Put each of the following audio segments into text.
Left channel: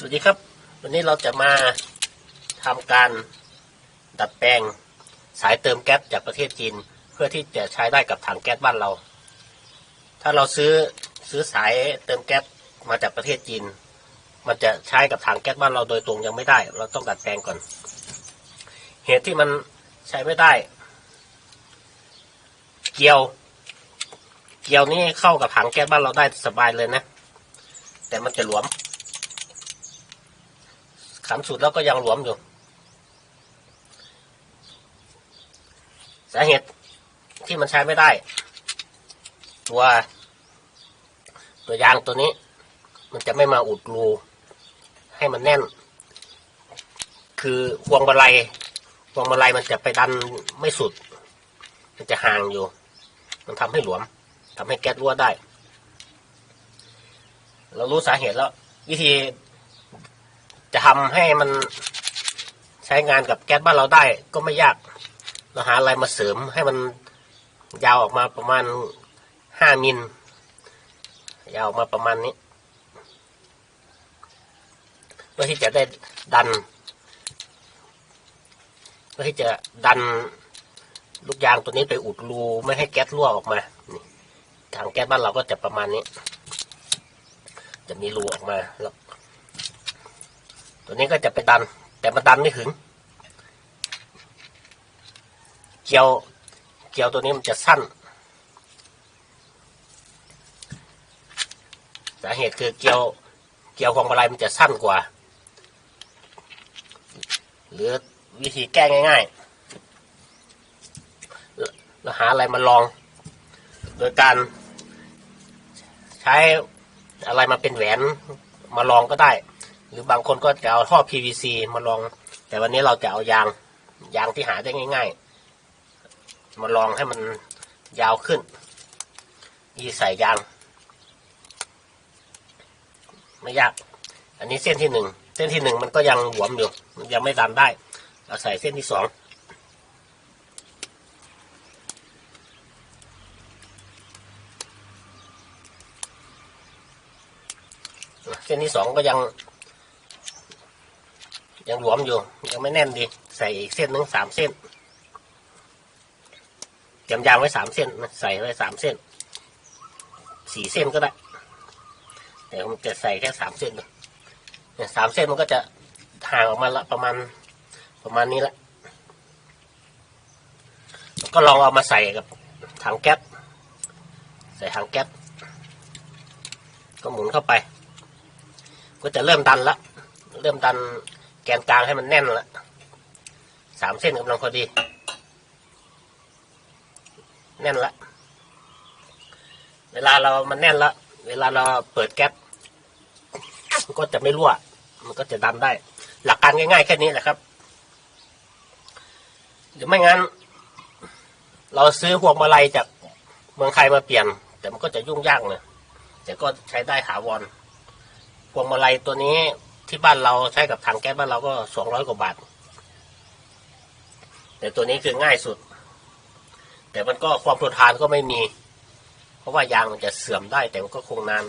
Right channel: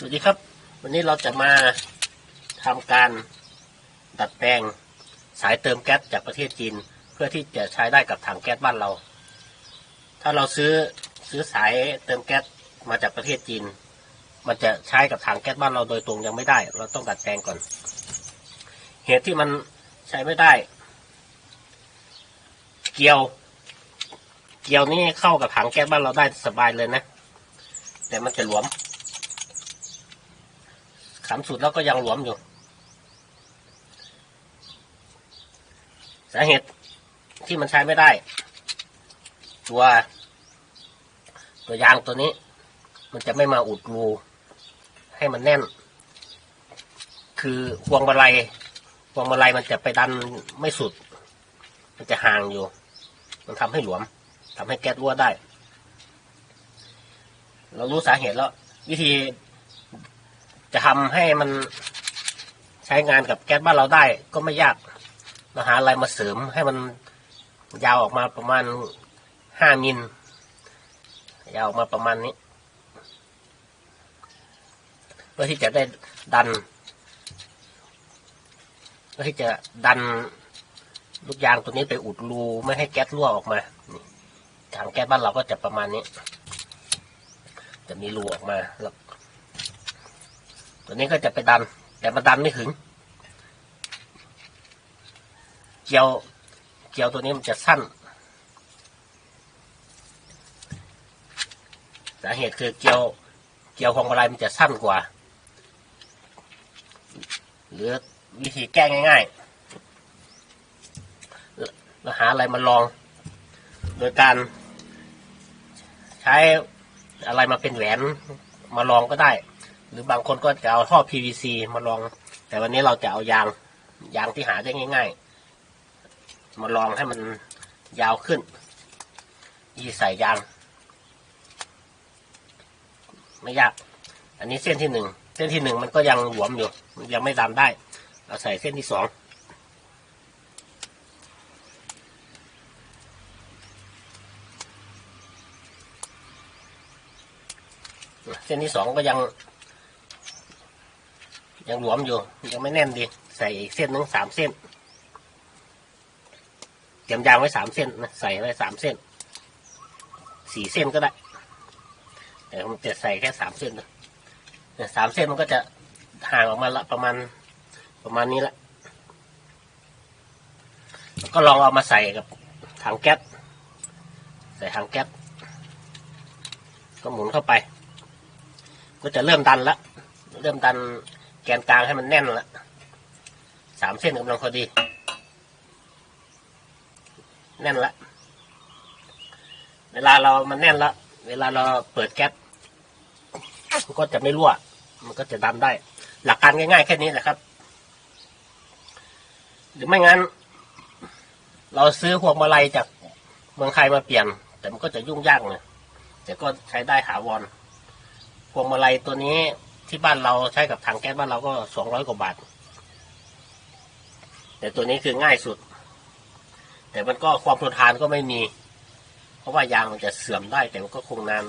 สวัสดีครับ วันนี้เราจะมาทำการดัดแปลงสายเติมแก๊สจากประเทศจีน เพื่อที่จะใช้ได้กับถังแก๊สบ้านเรา ถ้าเราซื้อซื้อสายเติมแก๊สมาจากประเทศจีน มันจะใช้กับถังแก๊สบ้านเราโดยตรงยังไม่ได้ เราต้องดัดแปลงก่อน เหตุที่มันใช้ไม่ได้ เกลียว เกลียวนี่เข้ากับถังแก๊สบ้านเราได้สบายเลยนะ แต่มันจะหลวม ขำสุดแล้วก็ยังหลวมอยู่ สาเหตุที่มันใช้ไม่ได้ ตัว ตัวยางตัวนี้ มันจะไม่มาอุดรูให้มันแน่น คือพวงมาลัยพวงมาลัยมันจะไปดันไม่สุด มันจะห่างอยู่ มันทำให้หลวมทำให้แก๊สรั่วได้ เรารู้สาเหตุแล้ว วิธี จะทำให้มันใช้งานกับแก๊สบ้านเราได้ก็ไม่ยาก เราหาอะไรมาเสริมให้มันยาวออกมาประมาณห้ามิลยาวออกมาประมาณนี้เพื่อที่จะได้ดันเพื่อที่จะดันลูกยางตัวนี้ไปอุดรูไม่ให้แก๊สรั่วออกมาถังแก๊สบ้านเราก็จะประมาณนี้ จะมีรูออกมาแล้ว ตัวนี้ก็จะไปดัน แต่มันดันไม่ถึง เกลียว เกลียวตัวนี้มันจะสั้น สาเหตุคือเกลียว เกลียวพวงมาลัยมันจะสั้นกว่า หรือวิธีแก้ง่ายๆเราหาอะไรมาลอง โดยการ ใช้อะไรมาเป็นแหวนมาลองก็ได้ หรือบางคนก็จะเอาท่อ PVC มาลอง แต่วันนี้เราจะเอายางยางที่หาได้ง่าย ๆ มาลองให้มันยาวขึ้น ยี่ใส่ยาง ไม่ยาก อันนี้เส้นที่หนึ่งเส้นที่หนึ่งมันก็ยังหวมอยู่ยังไม่ดันได้เราใส่เส้นที่สองเส้นที่สองก็ยัง ยังหลวมอยู่ ยังไม่แน่นดี ใส่เส้นหนึ่งสามเส้นเตรียมยางไว้สามเส้นนะใส่ไว้สามเส้นสี่เส้นก็ได้แต่ผมจะใส่แค่สามเส้นเนี่ยสามเส้นมันก็จะห่างออกมาละประมาณประมาณนี้ละแล้วก็ลองเอามาใส่กับถังแก๊สใส่ถังแก๊สก็หมุนเข้าไป ก็จะเริ่มดันละเริ่มดัน กนกลางให้มันแน่นละสามเส้นกำลังพอดี แน่นละเวลาเรามันแน่นละเวลาเราเปิดแก๊สมันก็จะไม่รั่ว มันก็จะดันได้ หลักการง่ายๆแค่นี้แหละครับ หรือไม่งั้น เราซื้อพวงมาลัยจากเมืองไทยมาเปลี่ยน แต่มันก็จะยุ่งยากเลยแต่ก็ใช้ได้ถาวรพวงมาลัยตัวนี้ ที่บ้านเราใช้กับถังแก๊สบ้านเราก็สองร้อยกว่าบาท แต่ตัวนี้คือง่ายสุด แต่มันก็ความทนทานก็ไม่มี เพราะว่ายางมันจะเสื่อมได้ แต่มันก็คงนาน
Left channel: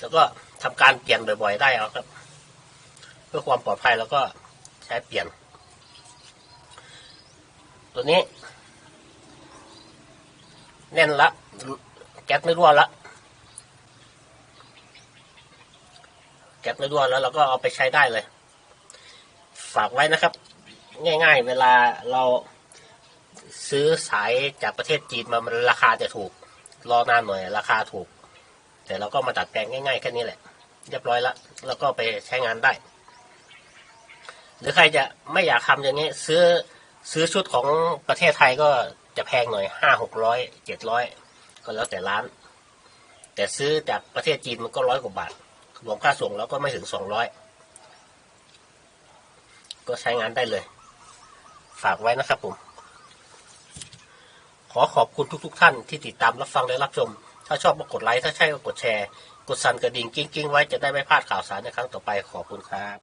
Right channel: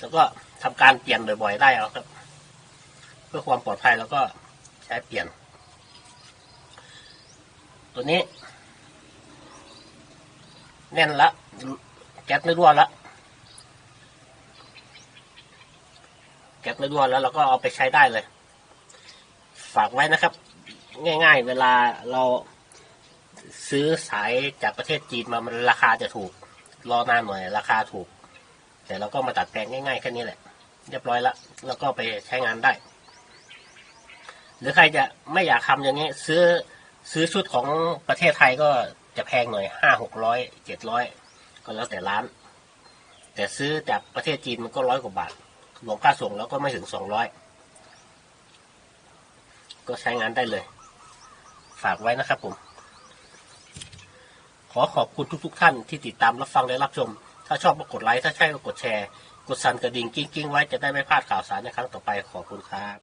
แล้วก็ทำการเปลี่ยนบ่อยๆได้เอาครับ เพื่อความปลอดภัยแล้วก็ใช้เปลี่ยน ตัวนี้ แน่นละ แก๊สไม่รั่วละ แก๊สไม่รั่วแล้วเราก็เอาไปใช้ได้เลย ฝากไว้นะครับ ง่าย ๆ เวลาเราซื้อสายจากประเทศจีนมามันราคาจะถูก รอนานหน่อยราคาถูก แต่เราก็มาตัดแต่งง่ายๆแค่นี้แหละ เรียบร้อยละแล้วก็ไปใช้งานได้ หรือใครจะไม่อยากทำอย่างนี้ ซื้อซื้อชุดของประเทศไทยก็จะแพงหน่อยห้าหกร้อยเจ็ดร้อยก็แล้วแต่ร้าน แต่ซื้อจากประเทศจีนมันก็ร้อยกว่าบาท รวมค่าส่งแล้วก็ไม่ถึงสองร้อยก็ใช้งานได้เลย ฝากไว้นะครับผม ขอขอบคุณทุกๆทท่านที่ติดตามรับฟังและรับชม ถ้าชอบก็กดไลค์ ถ้าใช่ก็กดแชร์ กดสั่นกระดิ่งกิ้งๆ ไว้จะได้ไม่พลาดข่าวสารในครั้งต่อไปขอบคุณครับ